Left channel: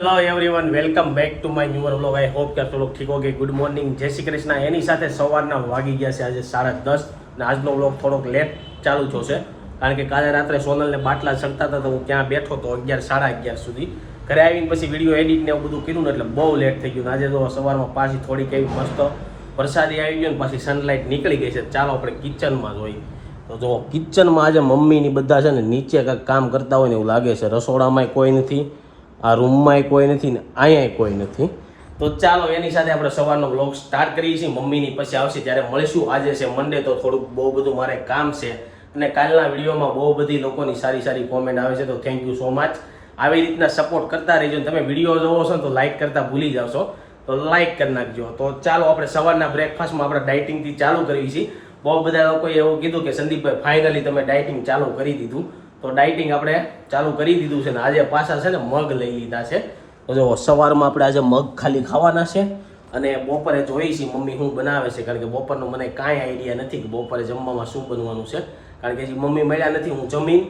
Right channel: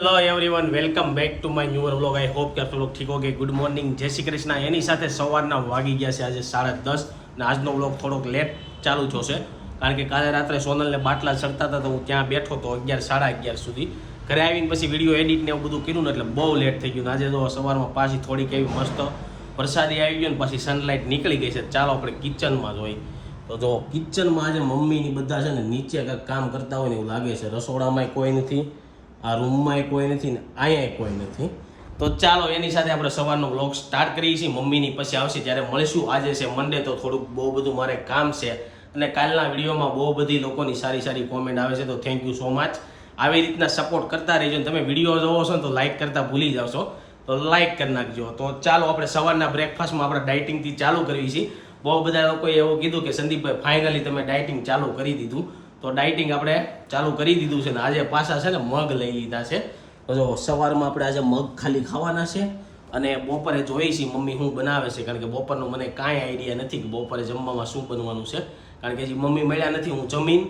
Hello everyone welcome back to my new vlog I hope કે લોકો ઠીક હોગે. Good morning જય શ્રી કૃષ્ણ. એની સાથે સવારના વાગી ગયા છે આજે સાડા દસ અને આજનો વ્લોગ થોડોક લેટ ચાલુ છે કારણ કે કાલે રાત્રે સોનલને બાટલા છકતા હતા તો હું ત્યાં બેઠો તો અગિયાર, સાડા અગિયાર સુધી. ઘરે આવીને પછી વીડિયો એડિટ ને એવું બધું કર્યું ને એટલે બહુ લેટ થઈ ગયું. આજે તો સવારમાં પાછી થોડીક એવી મસ્ત વરસાદી આવી ગયો ને પાછી સનલાઇટ નીકળી ગઈ છે. ચાલો આપણે કિચનમાં જોઈ તો જો કિચનમાં આજે મમ્મીની બધા છે ને નીચે કાંઈક કામ કરતા હોય ને એવું લાગે છે. રસોડામાંય કોઈ નથી. આ રૂમમાંય કોઈ નથી ને અહીંયા કોઈ નથી. તો ચાલો, એની સાથે આપણે સવારનો બ્લોગ સ્ટાર્ટ કરીએ છીએ. મમ્મીની પછી આવશે ત્યારે મળીશું. આજે છે મંડે તો થોડુંક બહુ બધું મારે કામ છે. અને કાલના વિડીયોમાં બહુ બધી લોકોની સારી સારી કોમેન્ટ આવે છે, તો થેન્ક યુ સો મચ આવી રીતના સપોર્ટ કરતા રહેજો. ને તમે વીડિયો જોવો છો ને, તો લાઇક કરતા ભૂલી જાવ છો. તો લાઇક કરી નાખજો. તો ચાલો, આપણે સવારના બ્રેકફાસ્ટમાં આપણે ડાયટિંગથી ચાલુ કરવી છીએ. બહુ બધા લોકોએ એવું કીધું કે, સંદીપભાઈ ફાઇનલી તમે ડાયટિંગ ચાલુ કરી દીધું. તો ડાયટિંગ આપણે ચાલુ કરી દીધું છે ને આજે પાછા છે ને મગ લઈ લીધા છે. તો જો સવારમાં આપણે આજે મગ ખાલી ખાવાના છે અને બપોરે જોઈ છે મમ્મી શું બનાવે છે, કારણ કે બપોરનું મને કાંઈ આઈડિયા નથી કે બપોરે જમવામાં શું બનવાનું છે. કારણ કે હજી મમ્મી મળ્યા નથી, હું જમીન,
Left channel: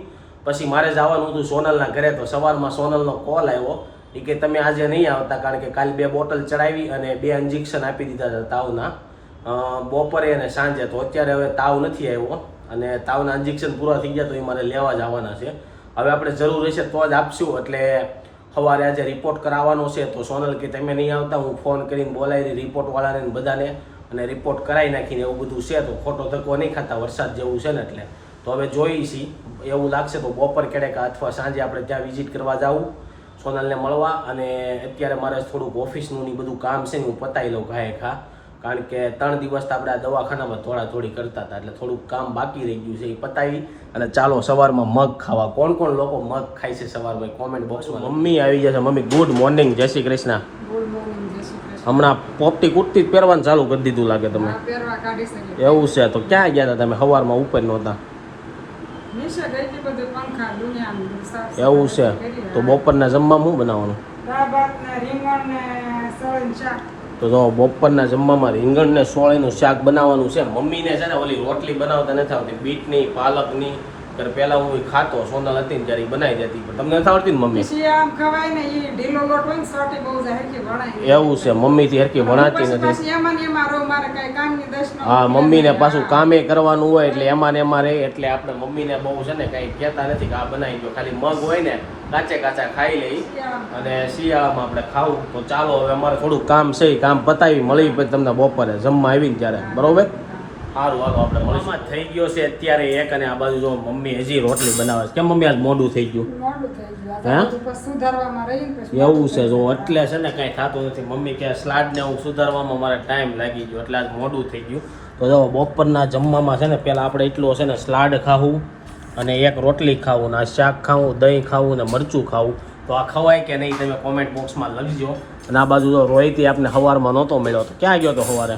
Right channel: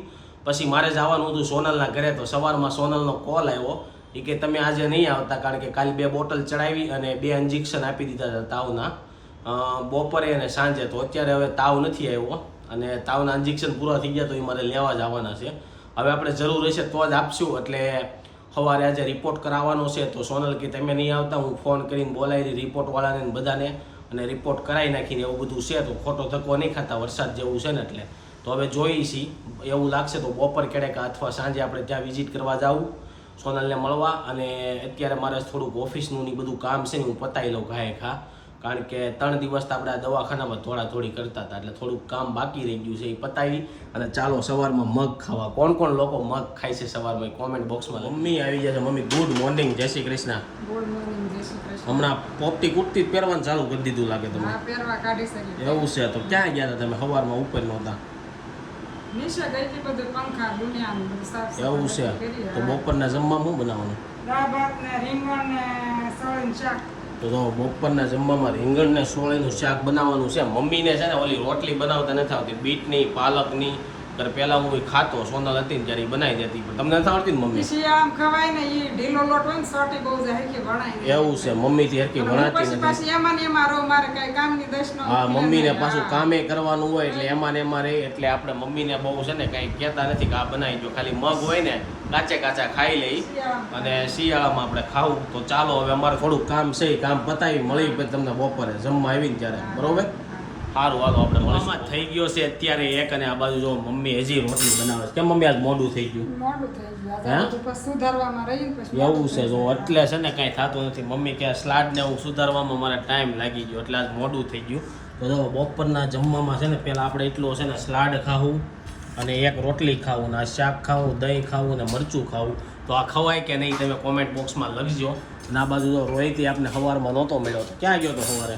પછી મારે જવાનું હતું સોનલના ઘરે, તો સવારમાં સોનલનો કોલ આવ્યો. એ કે તમે આજે નહીં આવતા, કારણ કે કાલે બે બોટલ ચડાવી અને બે ઇન્જેક્શન આપી દીધા હતા તાવના. બપોરે અને સાંજે, તો અત્યારે હવે તાવ નથી આવ્યો. અને તાવના ઇન્જેક્શન પૂરા થઈ ગયા તો એ મારે લેવા જ આવવાના છે. હવે આપણે જરૂર હશે તો જ આપશું, એટલે સવારે આજે રિપોર્ટ કરાવવાનો છે તો સોનલ કે તમે નહીં આવતા, હું ફોન કરીને બોલાવી રિપોર્ટવાળાને બધાને અને રિપોર્ટ કરાવી નાખીને એવું બધું છે તો ખોટો ધક્કો નહીં ખાતા, વરસાદ જેવું છે ને એટલે. તો હવે જોઈ છીએ એવું લાગશે તો બપોર કેડે અથવા સાંજે આપણે ત્યાં વિઝિટ કરવા જાવું, સોનલને મળવા અને અત્યારે મારે થોડુંક ઓફિસનું ને બધું કામ છે ને હું પતાવી લઉં ઘાએ ખા કારણ કે ત્રણ દિવસ તો આપણે આ દવાખાનામાં થોડા થોડી કરતા હતા એટલે થોડુંક કામ બાકી રહી ગયું છે એ પતાવી અને ચાલો સવારમાં મગ ખાવા. કોણ કોણ લોકો મગ ખાય છે સવારમાં? કોમેન્ટ બોક્સમાં મમ્મી આવી જશે. મમ્મી ગુડ મોર્નિંગ જય શ્રી કૃષ્ણ. ગુડ મોર્નિંગ જય શ્રી કૃષ્ણ. હમણાં પોપટી કુર્તી જ પહેરવાનું ચાલુ કરી દીધું લાગે તમે એવું છે તો ક્યાં ગયા હતા તમે? સવારમાં ઉપર નહોતા. એવું છે. તો બપોરના જમવા શું બનાવવાનું? તો જો બપોરના જમવામાં રીંગણ ને સોળીનું શાક બનાવવાનું છે. મમ્મીને છે ને ઓલી રોટલી બનાવતા નથી આવતી. બીટની, પાલકની ત્યારે પહેલા હું ખાતો સોનલ હતી ને ત્યારે બનાવી દેતી. પણ તમને નથી આવડતી ને મમ્મી? આમ ખવાય ને એ ઢીલો લોટ હોય ને સોટી બહુ જાય કે વણાય એવું છે મમ્મીથી હરકી હું ભણાતી નથી. એમાં ને એમાં રહો મારે કઈ કામની દશ ન હા મમ્મી મમ્મીને પાછું કામે કરવાનું હોય એટલે એમાં ને એમાં રહે એટલે આપણે મમ્મી ને બહુ છે ને કાંઈ કહેતા નથી કે આ બનાવી દો. ખાલી મગ હોય ને કાચે કાચા ખાઈ લઈ અને શિયાળામાં આપણે ખાવું તો ચાલો હવે અમારે થોડું કામ છે કામ પતાવી મળી પછી તમને બપોરે જમવા આવીને ત્યારે. બરોબર? સારું હાલો આપણે મળીશું. થઈ ગયો છે અત્યારે એક અને આ બાજુ જો મમ્મી હજી રોટલી બનાવે છે. કેમ મમ્મી આજ મોડું થઈ ગયું? મોડું થઈ ગયું. સુધારવામાં એવું છે જો એટલે છે ને કાંઈ થતું નથી. મમ્મી કે સ્લાડને હું સુધારવામાં મારે ટાઈમ લાગી ગયો એટલે આજ મોડું થઈ ગયું. તો જો બપોરના જમવામાં છે ને પહેલાં આપણે એટલું હશે ને સ્લાડ ખાવું અને એક રોટલી ખાવું ને શાક ખાવું દહીં ખાવું ને મરચું ખાવું. તો આ ખવાય કે નહીં તમે કોમેન્ટ બોક્સમાં લખજો. અને આ બાજુ જો રોહિતી આપને સવારમાં નહોતો મળ્યો તો ક્યાં ગયો તો સવારે?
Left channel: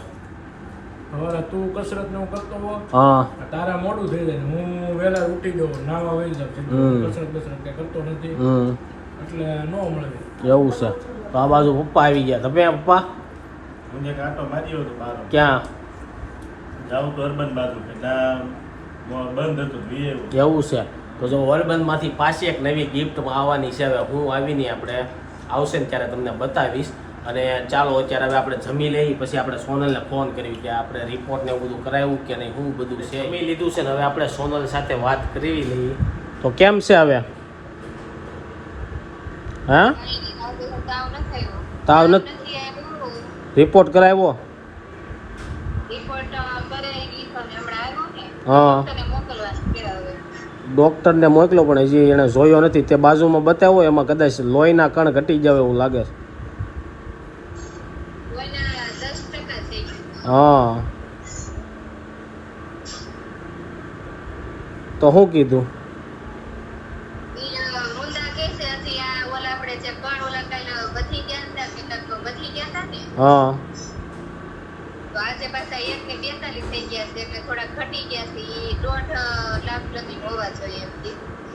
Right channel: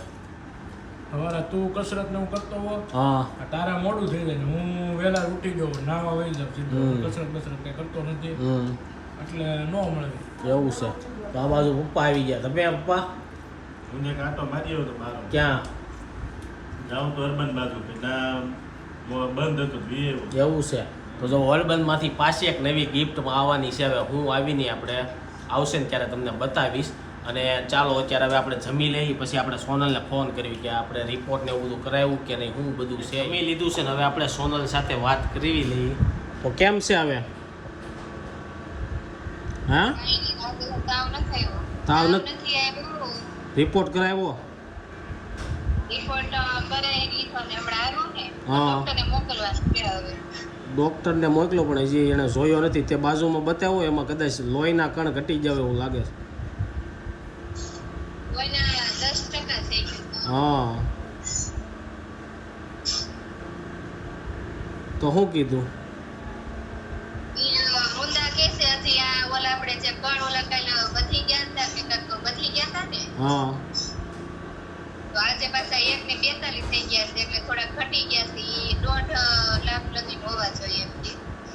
હવે તું કસરત ને હું કરતો હો. હા તારા મોડું થઈ જાય હું વેલા ઉઠી ગયો નાવા વહી જાઉં. હમ. કસરત બસરત કઈ કરતો નથી. એટલે નો મળે. એવું છે. તો આ બાજુ પપ્પા આવી ગયા. તમે પપ્પા? હું એક આટો માર્યો હતો બાર ક્યાં? જાઉં તો અર્બન બાજુ બંધ હતું વી એવું છે. તો જો વર્લ્ડબંધમાંથી પાછી એક નવી ગિફ્ટ આવવાની છે. હવે હું આવીને આપણે આવશે ને ત્યારે તમને બતાવીશ. અને ચાલો અત્યારે હવે આપણે જમી લઈએ પછી આપણે સોનલને ફોન કર્યું કે આપણે રિપોર્ટને એવું બધું કરાવ્યું કે નહીં શું બધું છે. જમી લીધું છે ને હવે આપણે સોનલ સાથે વાત કરી લઈએ. તો કેમ છે હવે? હા? તાવ નથી. રિપોર્ટ કરાવ્યો? હા. ડોક્ટરને મોકલો પણ હજી એણે જોયો નથી. તે બાજુમાં બતાવ્યો એમાં કદાચ લોહીના કણ ઘટી જાવ એવું લાગે છે કોઈના દસ ટકા થઈ ગયું હા તો શું કીધું ઈ, અ, ઊંધા કહે છે હજી આ ઓલા આપણે જે કણ ઓલા કાલ વધી ગયા હતા કે કાંઈક વધી ગયા હતા ને? હા. તો આજે પાછા એક ને બેતાલીસ થઈ ગયા છે એટલે થોડા ઘટી ગયા છે ઈ દોઢ લાખ લગી હોવા જોઈએ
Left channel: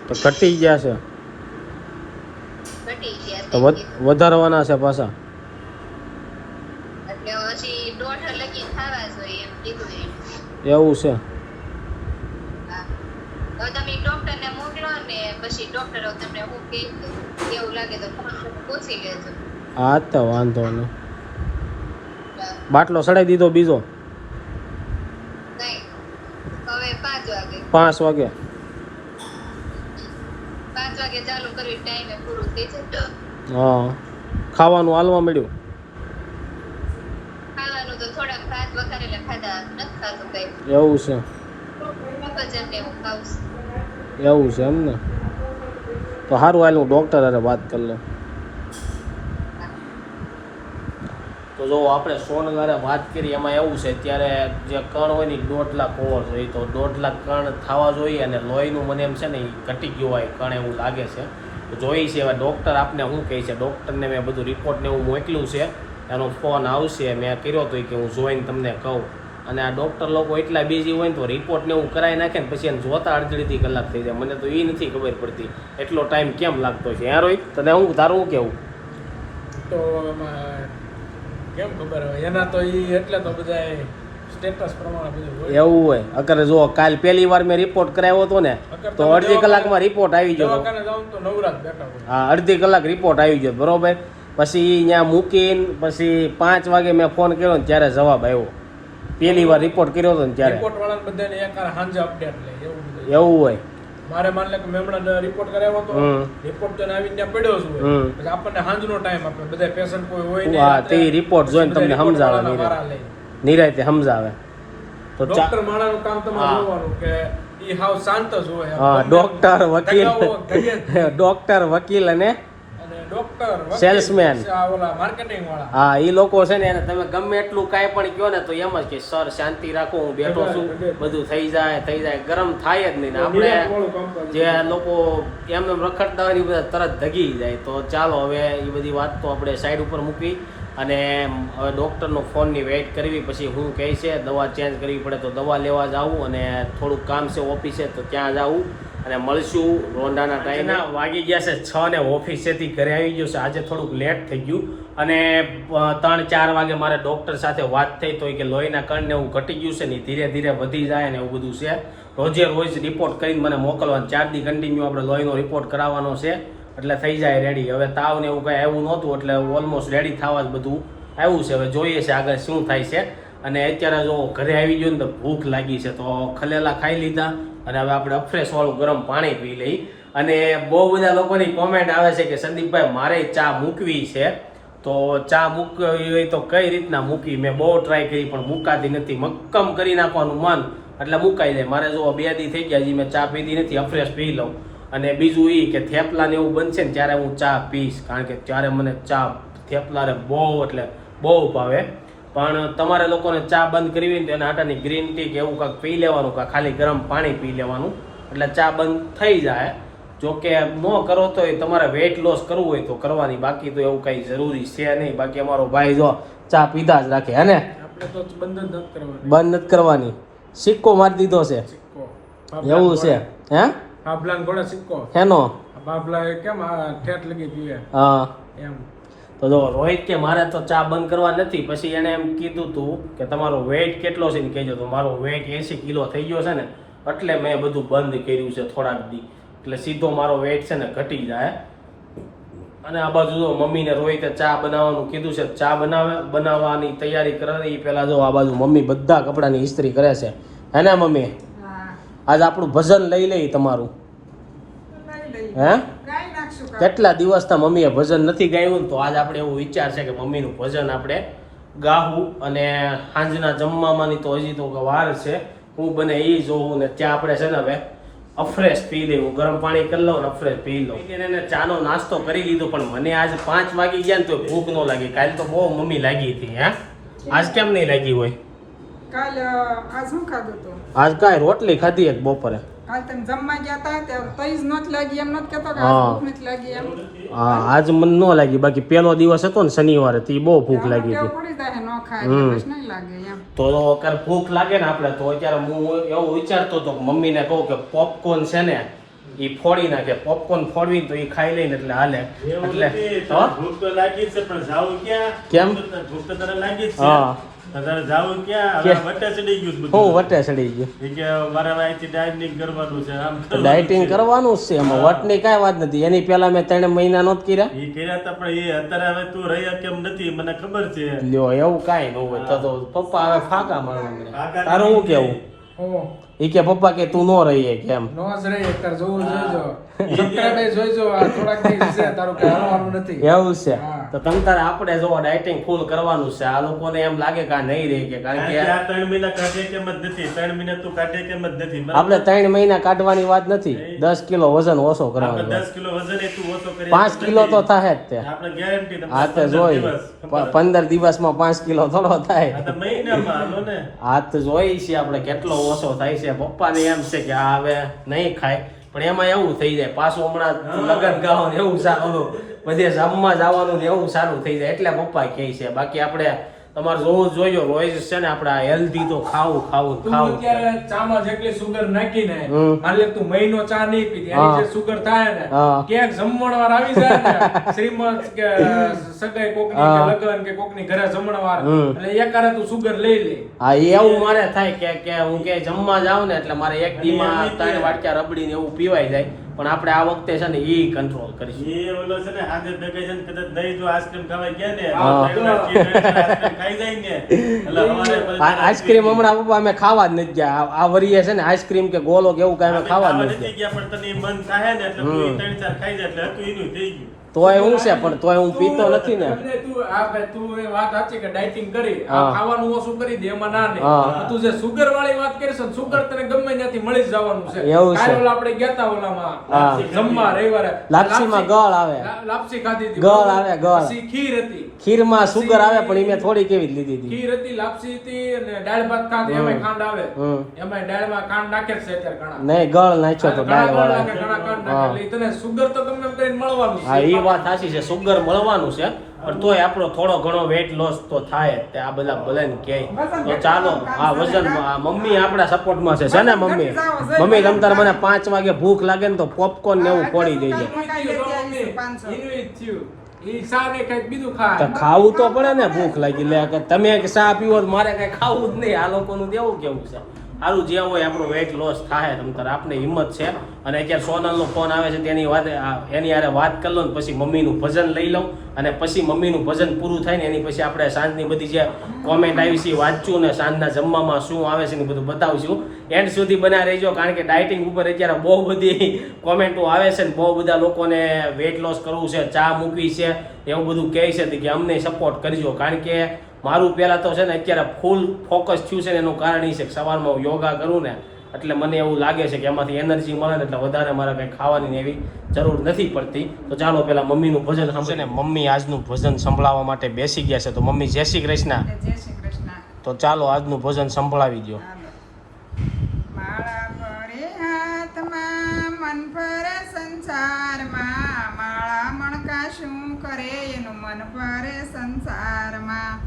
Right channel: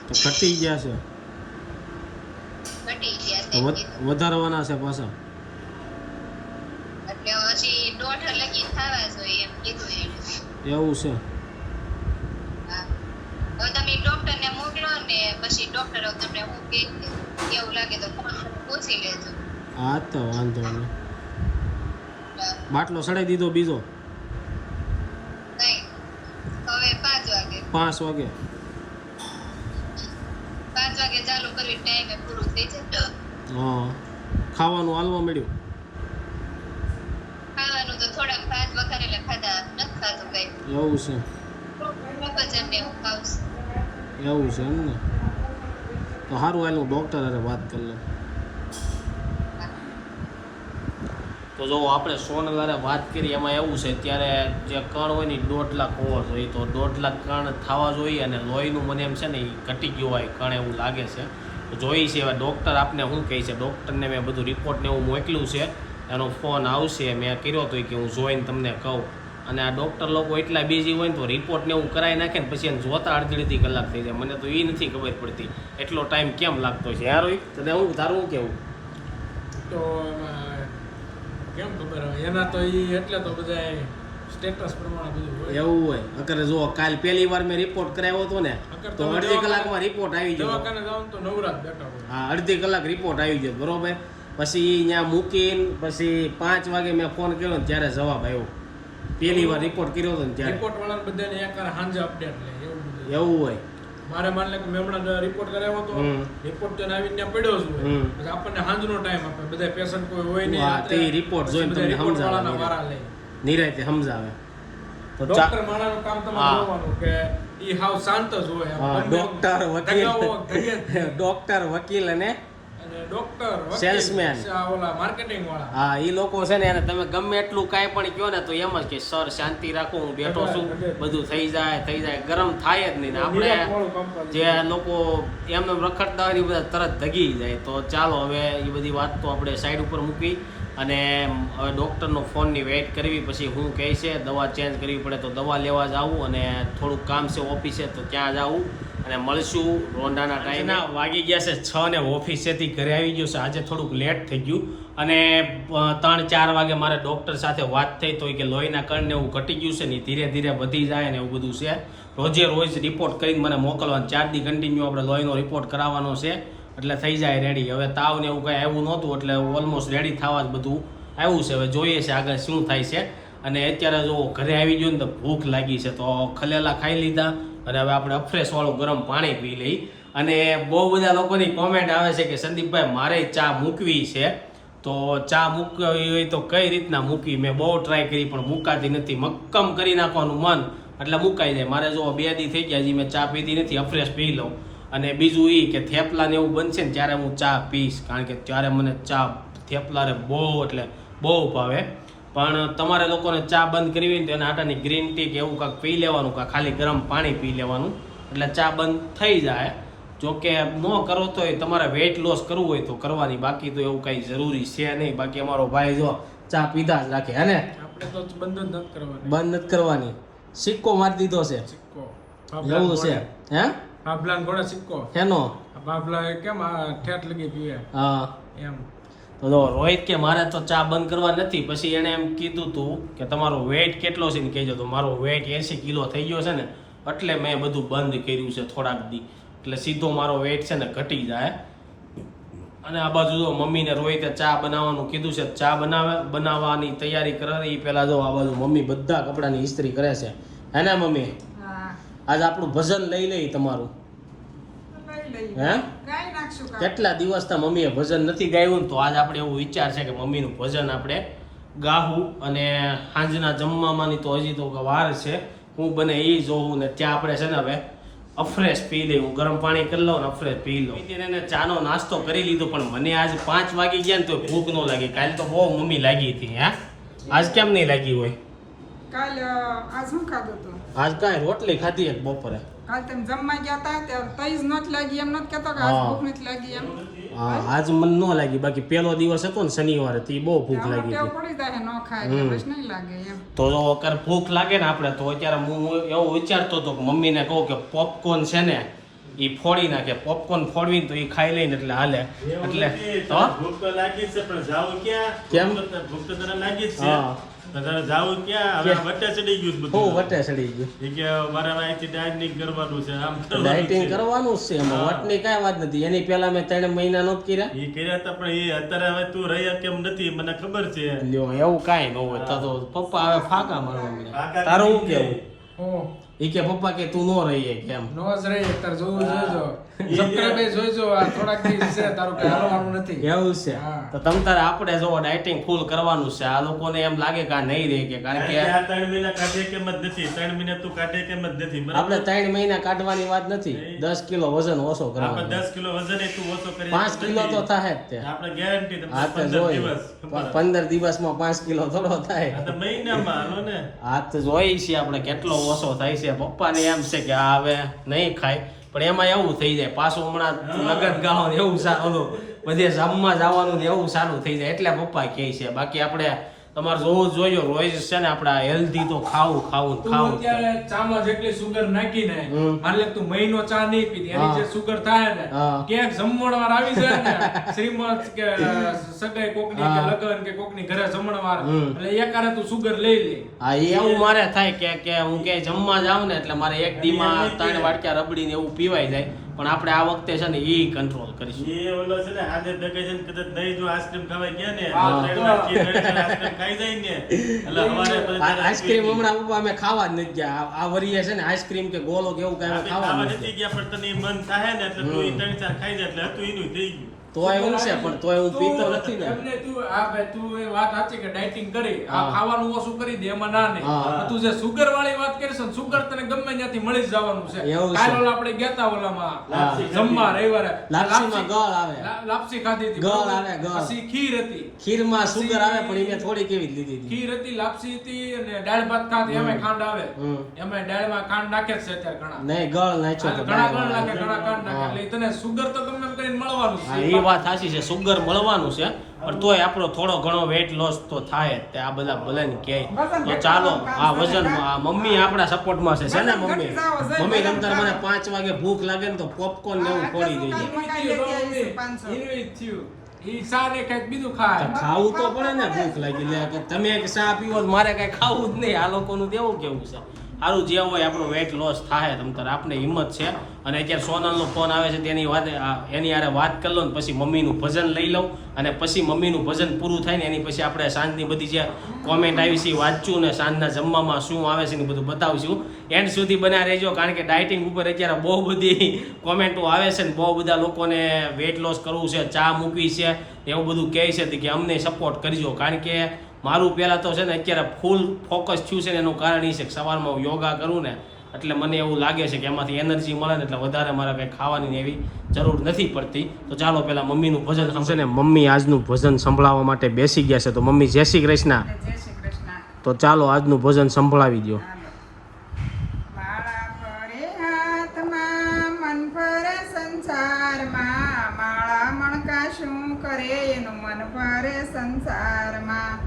તો ઘટી ગયા છે? ઘટી ગયા છે કીધું. વધારવાના છે પાછા? એવું છે. હા. તો તમે ડોક્ટરને મોકલો ને પછી ડોક્ટર તમને હું છે એવું લાગે તો ફોન પૂછી લેજો. હા તો વાંધો નહીં. બાટલો સડાઈ દીધો બીજો? પાંચ વાગે. પાંચ વાગે. ચાલુ કરવી ટાઈમે પૂરું થઈ જશે હા ખાવાનું હાલવા મળ્યું ખાવાનું તો થોડાક ભાત વઘારેલા ખાધા નથી ખાધું કઈ એવું છે. એવું છે એમ ને તો સારું હાલ હું ડૉક્ટર હારે વાત કરી લઉં. તો જો આપણે સોનલારે વાત કરી, એમાં એવું છે ત્યારે જે કણ હોય ને દોઢ લાખ હોવો જોઈએ. તો દોઢ લાખ કણ થવા જોઈએ અને લોહીનું મને એમ છે ને એ ઘટી ગયું હોય, કણ એવું લાગે છે. તો જોઈ છે હવે ડૉક્ટર આપને શું કહે છે? ડૉક્ટરને મેં બધું રિપોર્ટને એવું મોકલ્યું છે. એનો ફોન આવશે, મેં કર્યો હતો કે હું જોઈને તમને કહું. અને આ ડૉક્ટર લોકો એટલા બિઝી હોય ને તો રિપોર્ટ ને એવું કરાવી નાખે ને પછી એને જોતા અડધી અડધી કલાક થઈ જાય. મને તો એ નથી ખબર પડતી એટલો ટાઈમ કેમ લાગતો છે. યાર રોહિત તને હું તારું કેવું? તો કેમ ખબર હોય એના તો એ એટલે તો બધા સ્ટેટસ પ્રમાણે બધું હોય. એવું હોય. અગર જો કાલ પહેલી વાર મેં રિપોર્ટ કરાવ્યો હતો ને તો અડધી કલાકમાં રિપોર્ટ આવી ગયો તો નવરાત બેઠા હા અડધી કલાક રિપોર્ટ આવી ગયો બરોબર? પછી ત્યાં મૂકીને પછી પાંચ વાગે મેં ફોન કર્યો ને ત્યારે જવાબ આવ્યો. પહેલી વાર રિપોર્ટ કર્યો હતો ને ત્યારે. રિપોર્ટ વાળાને બધાને એક હાંજે અપડેટ લે એવું બધું. એવું હોય. મારે માન લે કે મેં હમણાં રિપોર્ટ કરાવ્યો હતો. રિપોર્ટ તો આવીને ત્યાં પડ્યો જ એટલે આપણને હાંજનો ટાઈમ આપે. બધા પેશન્ટ કોઈ હોય નહીં હા, તે રિપોર્ટ જોઈને તમને સમજાવે. નિરાયતે સમજાવે. તો ડોક્ટર માણાનું કામ તમારે જોવાનું કે ઈ હાવ શાંત જ હોય. હા, ડોક્ટર વકીલ. ડોક્ટર વકીલ અને ડોક્ટર સેલ્સમેન ઓલા માર્કેટિંગ વાળા. હા એ લોકો છે ને એને તમે ગમે એટલું કાંઈ પણ કહો ને તો એમ જ કે સર શાંતિ રાખો હું બેઠો છું બધું થઈ જાય થઈ જાય. ગરમ થાય જ નહીં ને. આપણે. જે લોકો એમને એમ રખડતા હોય એ બધા તરત ધગી જાય. તો ચાલો હવે એ બધી વાત તો આપણે સાઈડ ઉપર મૂકી અને હવે ડૉક્ટરનો ફોનની વેઇટ કરવી પછી હું કહે છે દવા ચેન્જ કરવી પડે તો દવા લેવા જાવું અને થોડુંક કામ છે ઓફિસે તો ત્યાં જાવું અને મળશું રોંડાના ટાઈમે વાગી ગયા છે છ ને ઓફિસેથી ઘરે આવી ગયું છે. આજે થોડુંક લેટ થઈ ગયું. અને ત્રણ ચાર વાગે મારે ડૉક્ટર સાથે વાત થઈ તો કે લોહીના કણને એવું ઘટી ગયું છે ને ધીરે ધીરે વધી જાય ને એવું બધું છે. રોજે રોજ રિપોર્ટ કરીને મને મોકલવાનું. ચાર દી કન્ટિન્યુ આપણે લોહીનો રિપોર્ટ કરાવવાનો છે. એટલે થઈ જાય રેડી હવે તાવ ને એવું કાંઈ આવ્યું નહોતું, એટલે ઓલમોસ્ટ રેડી થવા જ બધું આવ્યું છે. હવે જોઈએ છે આગળ શું થાય છે. અને અત્યારે જો ઘરે આવી ગયો ને તો ભૂખ લાગી છે. તો ખલેલા ખાઈ લીધા. અને હવે આપણે અફ્રેશ વાળું ગરમ પાણી પી લઈ અને બહુ બધા લોકોની કોમેન્ટ આવે છે કે સંદીપભાઈ, મારે ચા મૂકવી છે. તો ચા મૂકવી હોય તો કઈ રીતના મૂકવી? મેં બહુ ટ્રાય કરી પણ મૂકાતી નથી. મક્કમ કરી નાખવાનું મન. એટલે મુકાઈ જાય. મારે જો બે દી થઈ ગયા હજી મેં ચા પીધી નથી અફ્રેશ પી લઉં. અને બીજું એ કે થેપલા ને એવું બનશે ને ત્યારે હું ચા પીશ. કારણ કે ત્યારે મને ચા, થેપલા ને બહુ, એટલે બહુ ભાવે. પણ તમારે લોકોને ચા બંધ કરવી હોય ને તો એના આટાની ગ્રીન ટી કે એવું કાંઈક પી લેવાનું કાં ખાલી ગરમ પાણી પી લેવાનું. એટલે ચા બંધ થઈ જાય. જો કે ન કરો તો તમારે વેઇટ લોસ કરવું હોય તો કરવાની. બાકી તો એવું કંઈ જરૂરી છે નહીં. બાકી અમારો ભાઈ જો ચા પીધા જ રાખે હે ને? આપણે તો બંધ જ નથી કરવાની. બંધ નથી કરવાની. સિક્કો મારી દીધો છે. સિક્કો. એવું છે. હે? બાબલાન ઘોડા સિક્કો. હેનો? બાબલા કેમ ઠેઠ લગી પીવે હા. એમ. તો જો રોહિત કે મારે તો ચા બંધ કરવા નથી પછી એણે એમ કીધું તું કે તમારો વેઇટ કેટલો છે ને કહેજો. તો મારો વેઇટ એંસી કિલો થઈ ગયો છે ને એટલે મેં બધું બંધ કર્યું છે થોડાક દી. એટલે સીધો મારો વેઇટ છે ને ઘટી જાય. અને આ બાજુ જો મમ્મીને રોહિતે ચા બનાવવાનું કીધું છે ચા બનાવે બનાવવાની તૈયારી કરે એ પહેલાં જો આ બાજુ મમ્મી બધા કપડાની ઇસ્ત્રી કરે છે. હે ને મમ્મી? આજ આપણું ભજન લઈ લઈ તમારું. હે. કેટલા દિવસના મમ્મીએ ભજન નથી ગાયું તો આજ આપણે એવું વિચાર છે કે મમ્મીનું ભજન આપણે ગાવું અને સાંજના જમવામાંની તો હજી તો વાર છે. હું બને એ જોઉં ને ત્યાં આપણે છે ને હવે અફ્રેશ પી લઈ ગરમ પાણી કરી લઉં ને અફ્રેશ પી લઉં. એને ચાનો નાસ્તો કરી લીધો, પણ મને આજ પાંચ વાગી ગયા ને તો ભૂખ ન લાગી. કાલે તો બહુ મમ્મી લાગી હતી, હા? આજ કેમ નહીં લાગી હોય? કાલ આજ શું ખાધું તું? આજ કાંઈ રોટલી ખાધી એક બપોરે. કાલ તમે જમવા ગયા હતા ત્યારે તઈ જ નોત લાગી એમ નોત કહેતો કે આજ ભૂખ નથી લાગી એમ. હા આજ મને ન લાગી. બાકી પહેલો દિવસ હતો ને શનિવારે તે બહુ ભૂખ લાગી હતી. પડી જાય ન ખાય એટલે નહીં લાગે એમ. તો અગર ભૂખ લાગે ને આપણે તો અત્યારે હું એવું વિચારતો હતો મમ્મી મમ્મીને કહું કે પોપકોર્ન છે ને એ ફોડી નાખે. પોપકોર્ન ફોડવી તો એ ખાઈ લઈને એટલે હાલે. એટલે ભૂખ તો લાગી જ છે પણ જાવ ક્યાં? કેમ? ભૂખ તો તને લાગી છે. હા. તારે જાવું ક્યાં? હવે વટે ચડી ગયું બધું. હું વટે ચડી ગયું. એ કે મારે અહીંથી ડાયટિંગ કરવાનું છે આમ ડાયટિંગ. કરવાનું જ છે એમાં. વટની કાંઈ વાત નથી. એની પહેલા મેં ત્રણ મહિના નોત કર્યા. એ કર્યા હતા પણ એ અત્યારે હવે તું રહી કેમ નથી? મને ખબર છે. લ્યો એવું કાંઈ ન હોય. તો તો પપ્પા હવે ફાકા મારવા મળ્યા તારું શું. કેવું? ઈ કે પપ્પા કે તું નો રહીએ કેમ? નો જ રહી તાર જોવું જોઈજો. સબસ્ક્રાઇબ જોઈજો આ થોડાક દિવસ છે તારું કઈ હાલવાનું નથી. એવું છે? તો તમ તારે આપણે જો ડાયટિંગ ફૂલ કરવાનું છે આ લોકોને એમ લાગે કે આ નહીં રહે કે કારણ કે આ 3 મહિના કાઢે કેમ જ નથી? 3 મહિના તું કાઢે કેમ જ નથી? આપણે 3 મહિના કાઢવાની વાત નથી. દસ કિલો વજન ઓછો આપણે કરવાનો દસ કિલો વજન એ તું ઓછો કરી પાંચ કિલો તો થાય જ તે. આપણે ગેરંટી તમને 15 દિવસ. ખબર. પંદર દિવસમાં પાંચ કિલો થોડો થાય. આ તો મહિનામાં હાલો ને. આ તો જોઈ છે આપણે કેટલો ઓછો થાય છે. પપ્પાને એમ છે કે આ હવે નહીં ખાય. પણ એમાં એવું થઈ જાય પાછું હમણાં લગ્ન ગાળો એવું સારું બધે જમવા જવાનું એવું સારું થઈ જાય એટલે પપ્પા કહે છે. બાકી આપણે તમારે જોવું જોઈએ રોજ છે ને આપડા હેલ્ધી તો ખાવું ખાવું ખાવું ચામાં જેટલી સુગર નાખીને હાલે તું મહિનો ચા નહીં પીધી એની જે સુગર થાય ને ક્યાંક જમણવાર આવી જાય ને શ્રીમંત કે સગાઈ કોકની કે લગન કે કોકની ઘરે જમણવાર. એટલે એકારે તું સુગર લઈ લે. હા એવું મારે થાય કે કે હું કે જમવા જાઉં ને એટલે મારે એક દીમાં ત્રણ વાટકા રબડી ને એવું પીવાય જાય. પણ આપણે આ વખતે છે ને એ કંટ્રોલ કરીશું. એ ઓલો છે ને હાજર ડગે છે ને કદાચ નહીં જો આઈસ્ક્રીમ ખાવા ગયા ને ખાઈ જાય ને. એટલે અમારે આઈસ્ક્રીમ હમણાં પપ્પા અમે ખાવા જ નથી ગયા. આ- વરીએ છે ને આઈસ્ક્રીમ કે ગોલો કે એવું કાંઈ ખાવા નથી નથી ગયા પણ તને મન થાય ને એટલે તું ત્રણ ચાર ખાઈ જાય એટલે હતું એનું થઈ ગયું. તોય હું છે પણ તોય હું પીતો નથી ને. તું આ ભાઈ તું એ વાત સાચી કે ડાયટિંગ કરી આ ખાવાનું ઓછું કરી દે એમાં ના ને. તું જે સુગર વાળી વાત કરીશ ને સુગર તને ગમે ત્યાંથી મળી જ જવાનું છે. કાલ ઓલા આપણે ગયા તા ઓલામાં જમવા રવિવારે. લાપસીમાં ગળ આવે. લાપસી ખાધી હતી ગળ આવે, ગળ. પછી ખીર હતી. ખીરમાં સુગર આવે પણ એને મેં થોડી કેવી લીધી હતી. ખીર હતી લાપસી હતી અને દાળ ભાત ખાધી એમાં ખાંડ આવે. એમાં દાળમાં ખાંડ નાખે છે અત્યારે ઘણા. નહીં ગળ નાખ્યો તો ઘણા ગળ નાખે ઘણા ખાંડ નાખે. એટલે તને સુગર તો તમને કરીને મળવાનું છે. વાત સાચી છે સુગર મળવાનું છે પણ તોય આપણો થોડો ઘણો વેટ લોસ તો થાય તે આ બધા ભલે ને કહે તો ચાલો આ વજન મમ્મી આપણા સપોર્ટમાં છે છે ને મમ્મી? મમ્મી તમતાર મને પાંચ વાગે ભૂખ લાગે ને તો પોપકોર્ન ને એવું ફોડી દેજે ખાવું તો પડે ને ભૂખ લાગી. લે તમે કે ચા પીવો મારે કઈ ખાવું જ નહીં. આ લોકોનું દેવું કેવું છે? સારું જે હોય આપણું વેટ લોસ થાય તમ તારે, આપને હિંમત છે. અને અત્યારે સોનલનો ફોન આવે છે, તેની વાત એની હારે વાત કરી લો ને, પછી મમ્મીનું ભજન લઈ લઉં. અને પછી મમ્મીનું ભજન પૂરું થાય ને, એની પછી આપણે સાંજની બધી જે કોમેન્ટ આવી છે, એ વાંચશું ને સાંજના જમવામાં શું આવે છે ને બધું બતાવશું. એન્ડ સુધી બના રહેજો, કારણ કે ડાયટિંગ ઉપર અત્યારે બહુ બધી કોમેન્ટો આવે છે ને, બહુ બધા લોકોને વેટ લોસ કરવું છે, ચા મૂકવી છે, એવું બધું કહે છે કે અમને સપોર્ટ કરજો. કારણ કે મારું પહેલાં તો છે ને અત્યારે ફૂલ ફોકસ થયું છે ને એનું કારણ એ છે કે સવારમાં હું યોગા કરું ને એટલે મને એવું લાગે છે કે એમાંથી એનર્જી મળે ને એટલે વધારે મારે કંઈ ખાવાની એવી જરૂર નથી પડતી. તો ચાલો પેલા મમ્મીનું ભજન સાંભળે ને મમ્મી આજનું ભજન સંભળાવવા માટે બેસી ગયા છે. તો મમ્મી જય શ્રી કૃષ્ણ. તો ચાલો આજનું ભજન સંભળાવી દો સંસારમાં માળા મણકા શું કરે એનું મન ફરે સંસારમાં.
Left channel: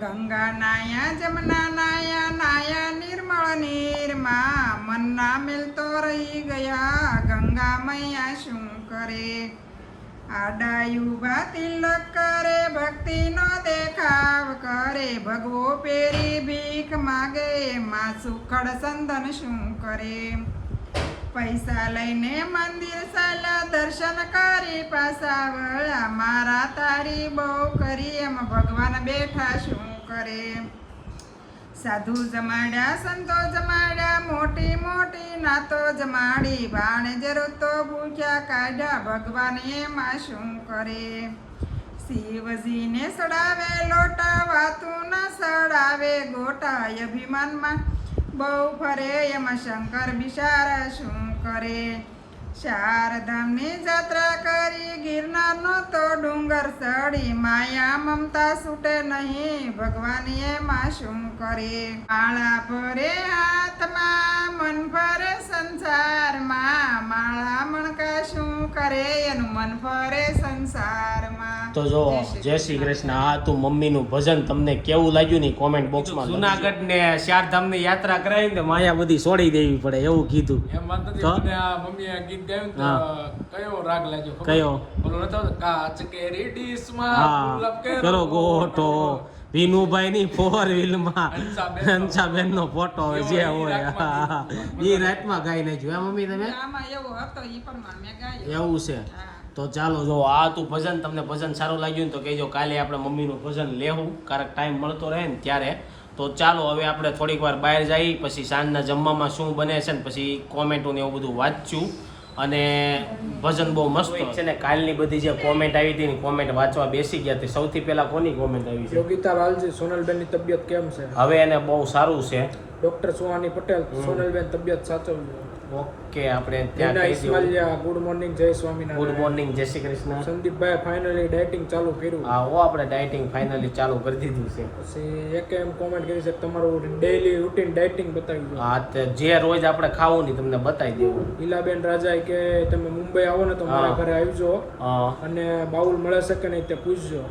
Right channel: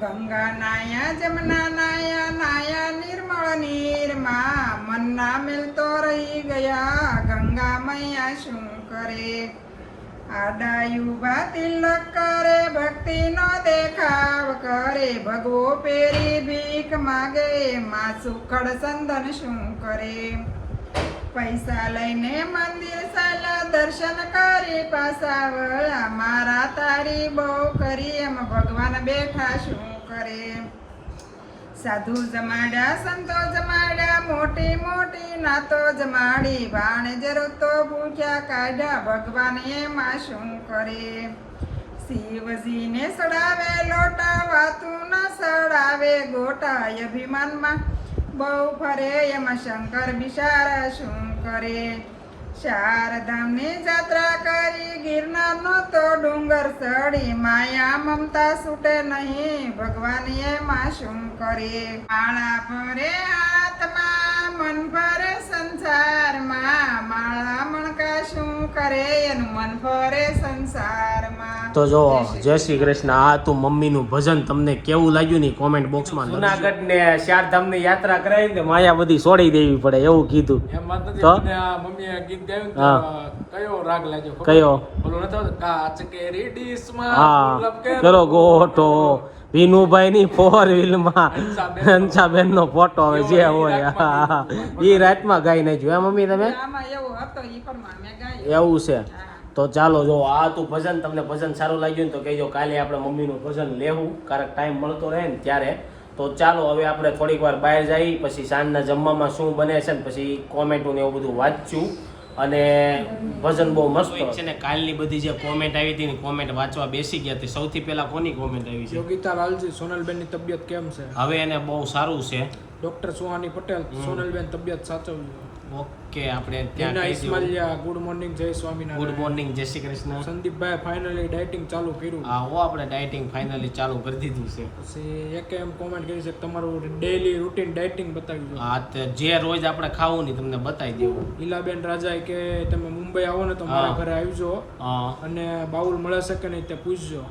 ગંગા નાયા જમના નાયા નાયા નિર્મળ, નીરમાં, મનના મિલતો રહી ગયા ગંગા મૈયા શું કરે? આડાયું તિલક કરે ભક્તિનો દેખાવ કરે, ભગવો પેરી ભીખ માગે, માં સુખડ સંદન શું કરે? પૈસા લઈને મંદિર સાલા દર્શન કરી પાછા વળ્યા મારા તારી બહુ કરી એમ ભગવાન બેઠા શું કરે? સાધુ જમાડ્યા, સંતો જમાડ્યા, મોટી મોટી નાતો જમાડી. ભાણે તો ભૂખ્યા કાઢ્યા, ભગવાન એમાં શું કરે? શિવજીને સડાવે, લોટા વાતું ના સડાવે. ગોટા અભિમાનમાં બહુ ફરે એમાં શંકર બિશારા શું કરે? શારદામની જાત્રા કરી ગિરનારનો તો ડુંગર ચડી માયા મમતા છૂટે નહીં ભગવાન એમાં શું કરે? માળા ભરે હાથમાં, મન ભરે સંસારમાં, માળા મણકા શું કરે? એનું મન ફરે સંસારમાં તો જો જય શ્રી કૃષ્ણ. આ તો મમ્મીનું ભજન તમને કેવું લાગ્યું ને કોમેન્ટ બોક્સમાં જુનાગઢ ને ચારધામની યાત્રા કરાવી ને માયા બધી છોડી દેવી પડે એવું કીધું. તો? મમ્મીએ ગીત ગાયું કયો રાગ લાગ્યો કયો? બોલો નતો આવતો, કાચ કેરી ડીશમાં હા. કરો ગોટો વિનુભાઈ ની ફોર વ્હીલમાં. હંસાબેન નો ફોટો એવો જે હોય. એ. ઈ રાતમાં ગાઈ નાખ્યું. એ મમ્મી તમે? આમાં એવો હતો ઈ પ્રમાણે મેં ગાયું. એવું છે. તો ચાલો જો આ તું ભજન તમને ભજન સારું લાગ્યું ને તો કહેજો કાલે આપણે મમ્મીનું ભજન લેવું કારણ ટાઈમ મળતો રહે ને ત્યારે. તો ચાલો હવે આપણે થોડીક વાર બહાર જઈ પછી સાંજના જમવામાં શું બને છે ને પછી કોમેન્ટો ને એવું બધું વાંચું અને ભજન બહુ મસ્ત છે ને કાલની બધી જે કોમેન્ટ આવી હતી ને કોમેન્ટ વાંચવા બેસી ગયા હતી સૌથી પહેલા કોની કોમેન્ટ આવી છે? યોગિતા લાલજી સોનલબેનની તબિયત કેમ છે? હવે એને બહુ સારું છે. ડોક્ટર સુહાની પટેલ સોનલબેન તબિયત સાચવજો. ઓકે આપણે ત્યાં દઉં. ઇસ્માલિયા ગુડ મોર્નિંગ જય સ્વામિનારાયણ. ગુડ મોર્નિંગ જય શ્રી કૃષ્ણ. સંદીપભાઈ ફાઇનલી ડાયટિંગ ચાલુ કર્યું. હા ઓ આપણે ડાયટિંગ ફાઇનલી ચાલુ કરી દીધું છે. પછી એક એમ કોમેન્ટ કરી છે કે તમારું ડેઈલી રૂટીન ડાયટિંગ બતાવી દો. હા તે જે રોજ આપણે ખાવું ની તમને બતાવી દેવું ઈલાબેન રાજા કે તમે મુંબઈ આવો ને તો મારા ઘરે આવજો. અને બાઉલ મળે છે કે નહીં તે પૂછજો.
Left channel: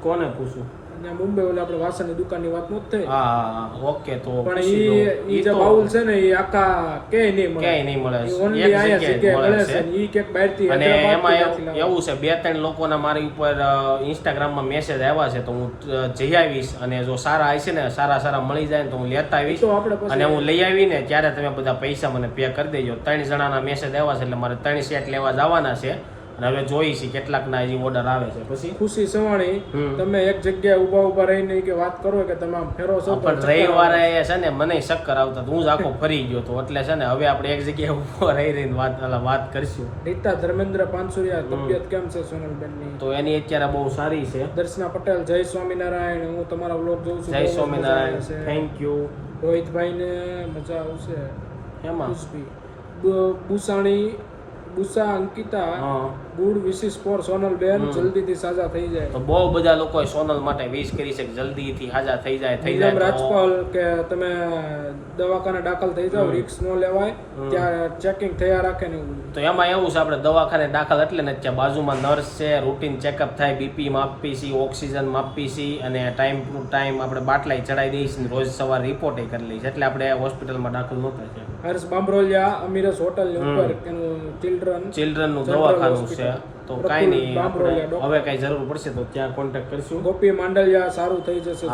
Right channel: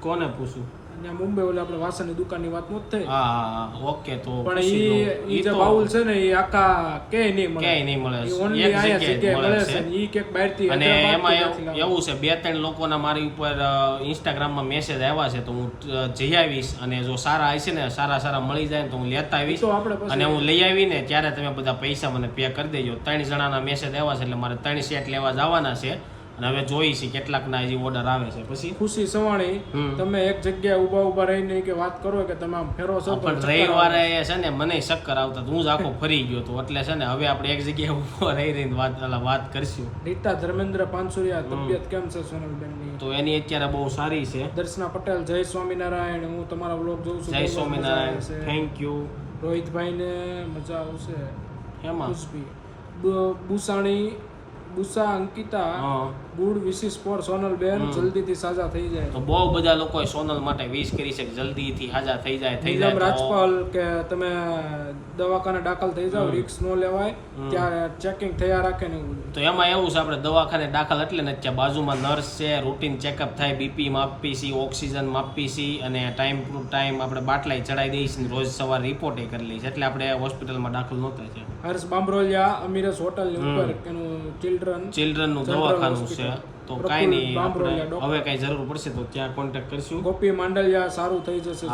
કોને પૂછું? અને મુંબઈ ઓલે આપણે વાસણની દુકાનની વાત નથી થઈ હા ઓકે તો પણ ઈ ઈ ઈ જે બાઉલ છે ને એ આખા કે નહીં મળે. કે નહીં મળે. એક જગ્યાએ મળે છે. છે. કે બહારથી અને એમાં એવું છે બે ત્રણ લોકોના મારી ઉપર ઇન્સ્ટાગ્રામમાં મેસેજ આવ્યા છે તો હું જઈ આવીશ. અને જો સારા હશે ને સારા સારા મળી જાય ને તો હું લેતા ઈ આવીશ. અને હું લઈ આવીને ત્યારે તમે બધા પૈસા મને પે કરી દેજો. ત્રણ જણાના મેસેજ આવ્યા છે એટલે મારે ત્રણ સેટ લેવા જવાના છે. અને હવે જોઈ છે કેટલાકના હજી ઓર્ડર આવે છે. પછી ખુશી સવાણી તમે એક જગ્યાએ ઊભા ઊભા રહીને કે વાત કરો કે તમે આમ ફેરો છો પણ. રવિવારે છે ને મને ચક્કર આવતા તો હું જ આખો ફરી ગયો તો. એટલે છે ને હવે આપણે એક જગ્યાએ ઊભો રહી રહીને વાત વાત કરીશું. રીતા ધર્મેન્દ્ર પાનસુરિયા તબિયત કેમ છે સોનલબેનની? તો એની અત્યારે બહુ સારી છે. દર્શના પટેલ જય સ્વામિનારાયણ હું તમારા બ્લોગ જોઉં છું જય સ્વામિનારાયણ. છે. થેન્ક યુ રોહિતભાઈને મજા આવશે. એમાં ખુશબી બુ- બુસાણી બુસા અંકિતા હા ગુડ વિશિસ ફોર સોનલબેન. જલ્દીથી સાજા થઈ જાય. તો બહુ બધા લોકોએ સોનલ માટે વિશ કરી છે કે જલ્દીથી સાજા થઈ જાય થઈ જાય રાજપાલ કે તમે દવાખાને દાખલ થઈ જાઓ રિક્સ ન લેવાય ત્યાં ચેકિંગ થયા રાખે ને તો એમાં એવું છે આપણે દવાખાને દાખલ એટલે ને ત્યાં બાજુમાં નર્સ છે રૂટીન ચેકઅપ થાય બીપી માપી છી ઓક્સિજન માપી છી અને ટાઈમ ટુ ટાઈમ આપણે બાટલાઈ ચડાવી દઈએ છીએ રોજ સવારે રિપોર્ટે કરી લઈએ છીએ એટલે આપણે હોસ્પિટલમાં દાખલ નહોતા છે હર્ષ બામરોલિયા અમીરસ હોટલ ઉપર એનું ચિલ્ડ્રન ચિલ્ડ્રનનું દવાખાનું છે. Hospital. તો કાંઈ નહીં આપણે હવે કાંઈ જરૂર પડશે તો ત્યાં કોન્ટેક્ટ કરશું. ગોપી માંડલિયા સારું થઈ જશે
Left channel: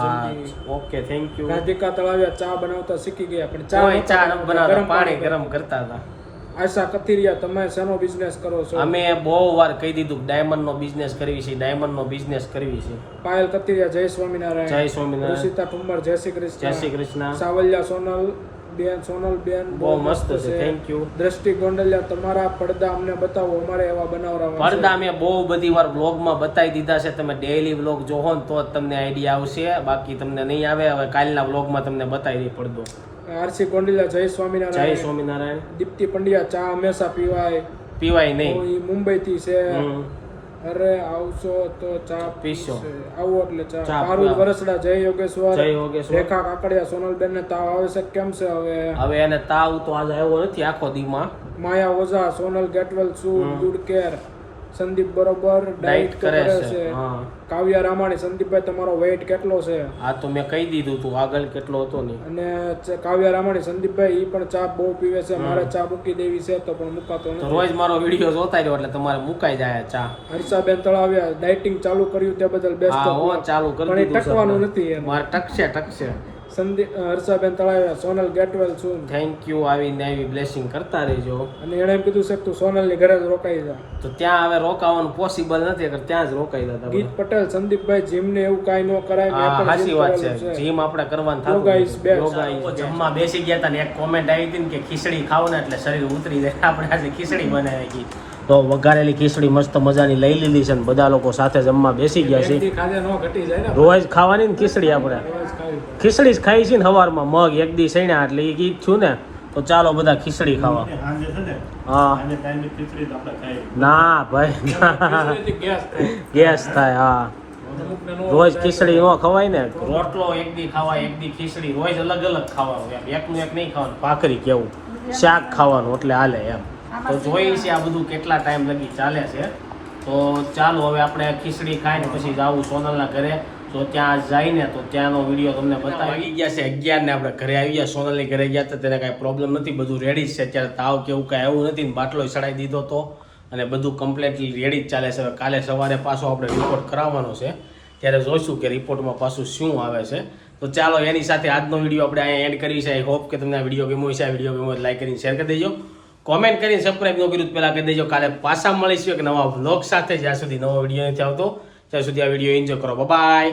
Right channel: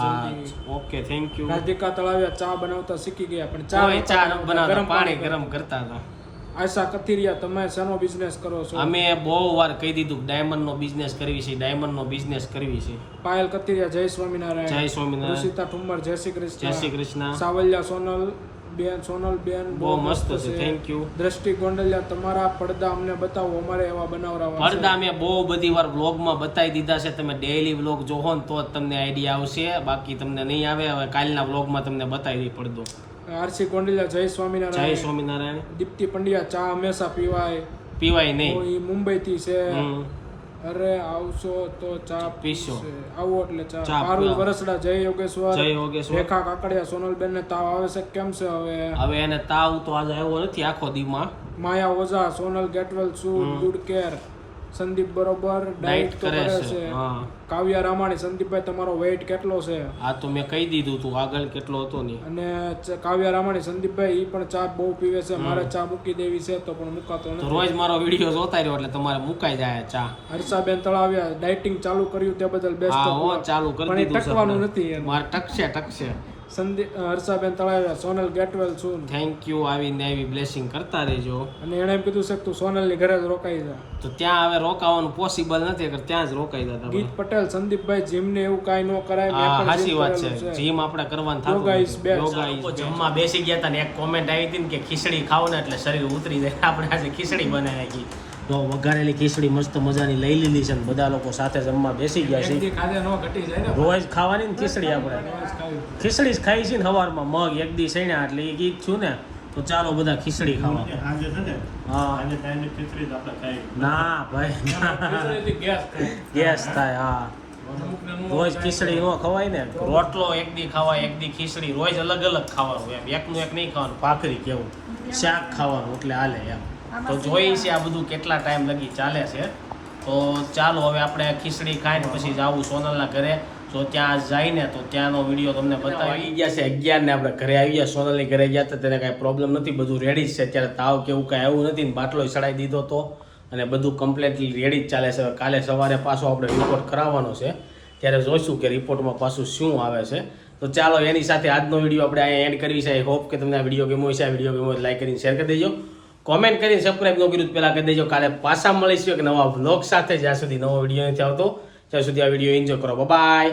okay thank you Radhika Talaviya ચા બનાવતા શીખી ગયા પણ ચા ચા બનાવતા, પાણી ગરમ કરતા હતા. આશા કથિરિયા તમે શેનો બિઝનેસ કરો છો? અમે બહુ વાર કહી દીધું ડાયમંડ નો બિઝનેસ કરવી છે ડાયમંડ નો બિઝનેસ કરવી છે. પાયલ કથિરિયા જય સ્વામિનારાયણ. જય સ્વામિનારાયણ. સીતા ઠુમ્મર જય શ્રી જય શ્રી કૃષ્ણ કૃષ્ણ. સાવલિયા સોનલ બેન સોનલ બેન બહુ મસ્ત છે થેન્ક યુ દ્રષ્ટિ ગોંડલિયા તમારા પડદા અમને બતાવો અમારે એવા બનાવરાવા પડદા મેં બહુ બધી વાર વ્લોગમાં બતાવી દીધા છે તમે ડેઈલી વ્લોગ જોહો ને તો જ તમને આઈડિયા આવશે. બાકી તમને નહીં આવે હવે કાલના વ્લોગમાં તમને બતાવી દે પડદો. આરસી ગોંડલિયા જય જય સ્વામિનારાયણ. સ્વામિનારાયણ દીપ્તિ પંડ્યા ચા હંમેશા પીવાય. પીવાય નહીં. મુંબઈ થી છે. અરે આવશો તો ચા પીશો. આવો એટલે ચા. મારું પારુલ વરસડા જય યોગેશ્વર. જય યોગેશ્વર. રેખા કાકડિયા સોનલબેન ને તાવ આવે છે કેમ છે હવે? હવે એને તાવ તો આજે આવ્યો નથી આખો દીમાં. Maya Ojha Sonal get well soon good care Sandeep બરોબર ડાયટ કરે છે કાવ્યા રામાણી સંદીપભાઈ તમારો વેઇટ કેટલો છે? આ તો મેં કહી દીધું તું આગળ કેટલો હતો ને અને કાવ્યા રામાણી સંદીપભાઈ ઈ પણ ચા બહુ પીવે છે મારે ચા મૂકી દેવી છે તો પણ મુકાતો નથી. રોજ મારો વીડિયો જોતા રહ્યો એટલે તમારે મુકાઈ જાય ચા. હર્ષાબેન તળાવ્યા ડાયટિંગ ચાલુ કર્યું તે બદલ બેસ્ટ હા ચાલુ કરી દીધું ટકવાનું નથી મારે ટકશે ટકશે. સંદીપ હર્ષાબેન તળાવ્યા સોનલ ગેટવેલ છું. થેન્ક યુ આવીને આવી બ્લેસિંગ કરતા રહેજો. અને એણે એમ કીધું છે કે તું સોનલની ઘરે જ રોકાઈ જા. તો ત્યાં હવે રોકાવાનું પોસિબલ નથી અગર ત્યાં જ રોકાઈ જતા ગીત પટેલ સંદીપભાઈ જીમ ને એવું કાંઈ ન કરાય સાચી વાત છે. જીમ આપણે કરવાનું થતું. જમવા બેસી ગયા હતા ને એક કોમેન્ટ આવી હતી ને કે ખીચડી ખાવ ને એટલે શરીર ઉતરી જાય. આપણે આજે ખીચડી બનાવી. તો વઘારેલી ખીચડી મસ્ત મજાની લઈ લીધી છે ને બધા લોકો સાથે જમવા બેસી ગયા છે. એમથી ખાધે ન ઘટી જાય ને રોજ ખાવાની ને ખીચડી આપણે. ખીચડી જ ખાઈ છે ને સવારમાં મગ એક દી સણ્યા એટલે એ ગીત થયું ને તો ચાલો બધા ખીચડી ખાવા. છે હા. ના ભાઈ. ગેસ થાય. હા. રોજ ખીચડી નો ખવાય ને રોટલો એક દી ખાવાય એક દી ખીચડી રોજ અલગ અલગ ખાવાનું એમ. એકનું એક નહીં ખાવાનું ભાખરી કેવું શાક ખાવાનું એટલે હાલે એમ. તો જોઈએ છે આ બધું કેટલા ટાઈમ લગી ચાલે છે. તો ચાલો હવે આપણે ખીચડી ખાઈને પછી જવું સોનલના ઘરે. જો ત્યાં જઈને તો ત્યાંનો વીડિયો તમને બતાવી. ગયા છે અગિયાર ને આપણે ઘરે આવી ગયા. સોનલની ઘરે ગયા હતા તેને કાંઈ પ્રોબ્લેમ નથી. બધું રેડી જ છે. અત્યારે તાવ કે એવું કાંઈ એવું નથી ને બાટલો ચડાવી દીધો તો. અને બધું કમ્પ્લેટલી રેડી જ ચાલે છે. હવે કાલે સવારે પાછો આપણે રિપોર્ટ કરાવવાનો છે. ત્યારે જોઈશું કે રિપોર્ટમાં પાછું શું આવે છે. તો ચાલો એની સાથે આજનો વીડિયો આપણે અહીંયા એન્ડ કરી છે. આઈ હોપ કે તમને આ વીડિયો ગમ્યો છે આ વીડિયો ગમ્યો લાઈક કરીને શેર કરી દેજો. કોમેન્ટ કરીને સબસ્ક્રાઈબ ન કર્યું પહેલાં કરી દેજો. કાલે પાછા મળીશું એક નવા વ્લોગ સાથે. જ્યાં સુધી નવો વીડિયો નથી આવતો, ત્યાં સુધી આ વીડિયો એન્જોય કરો. બાય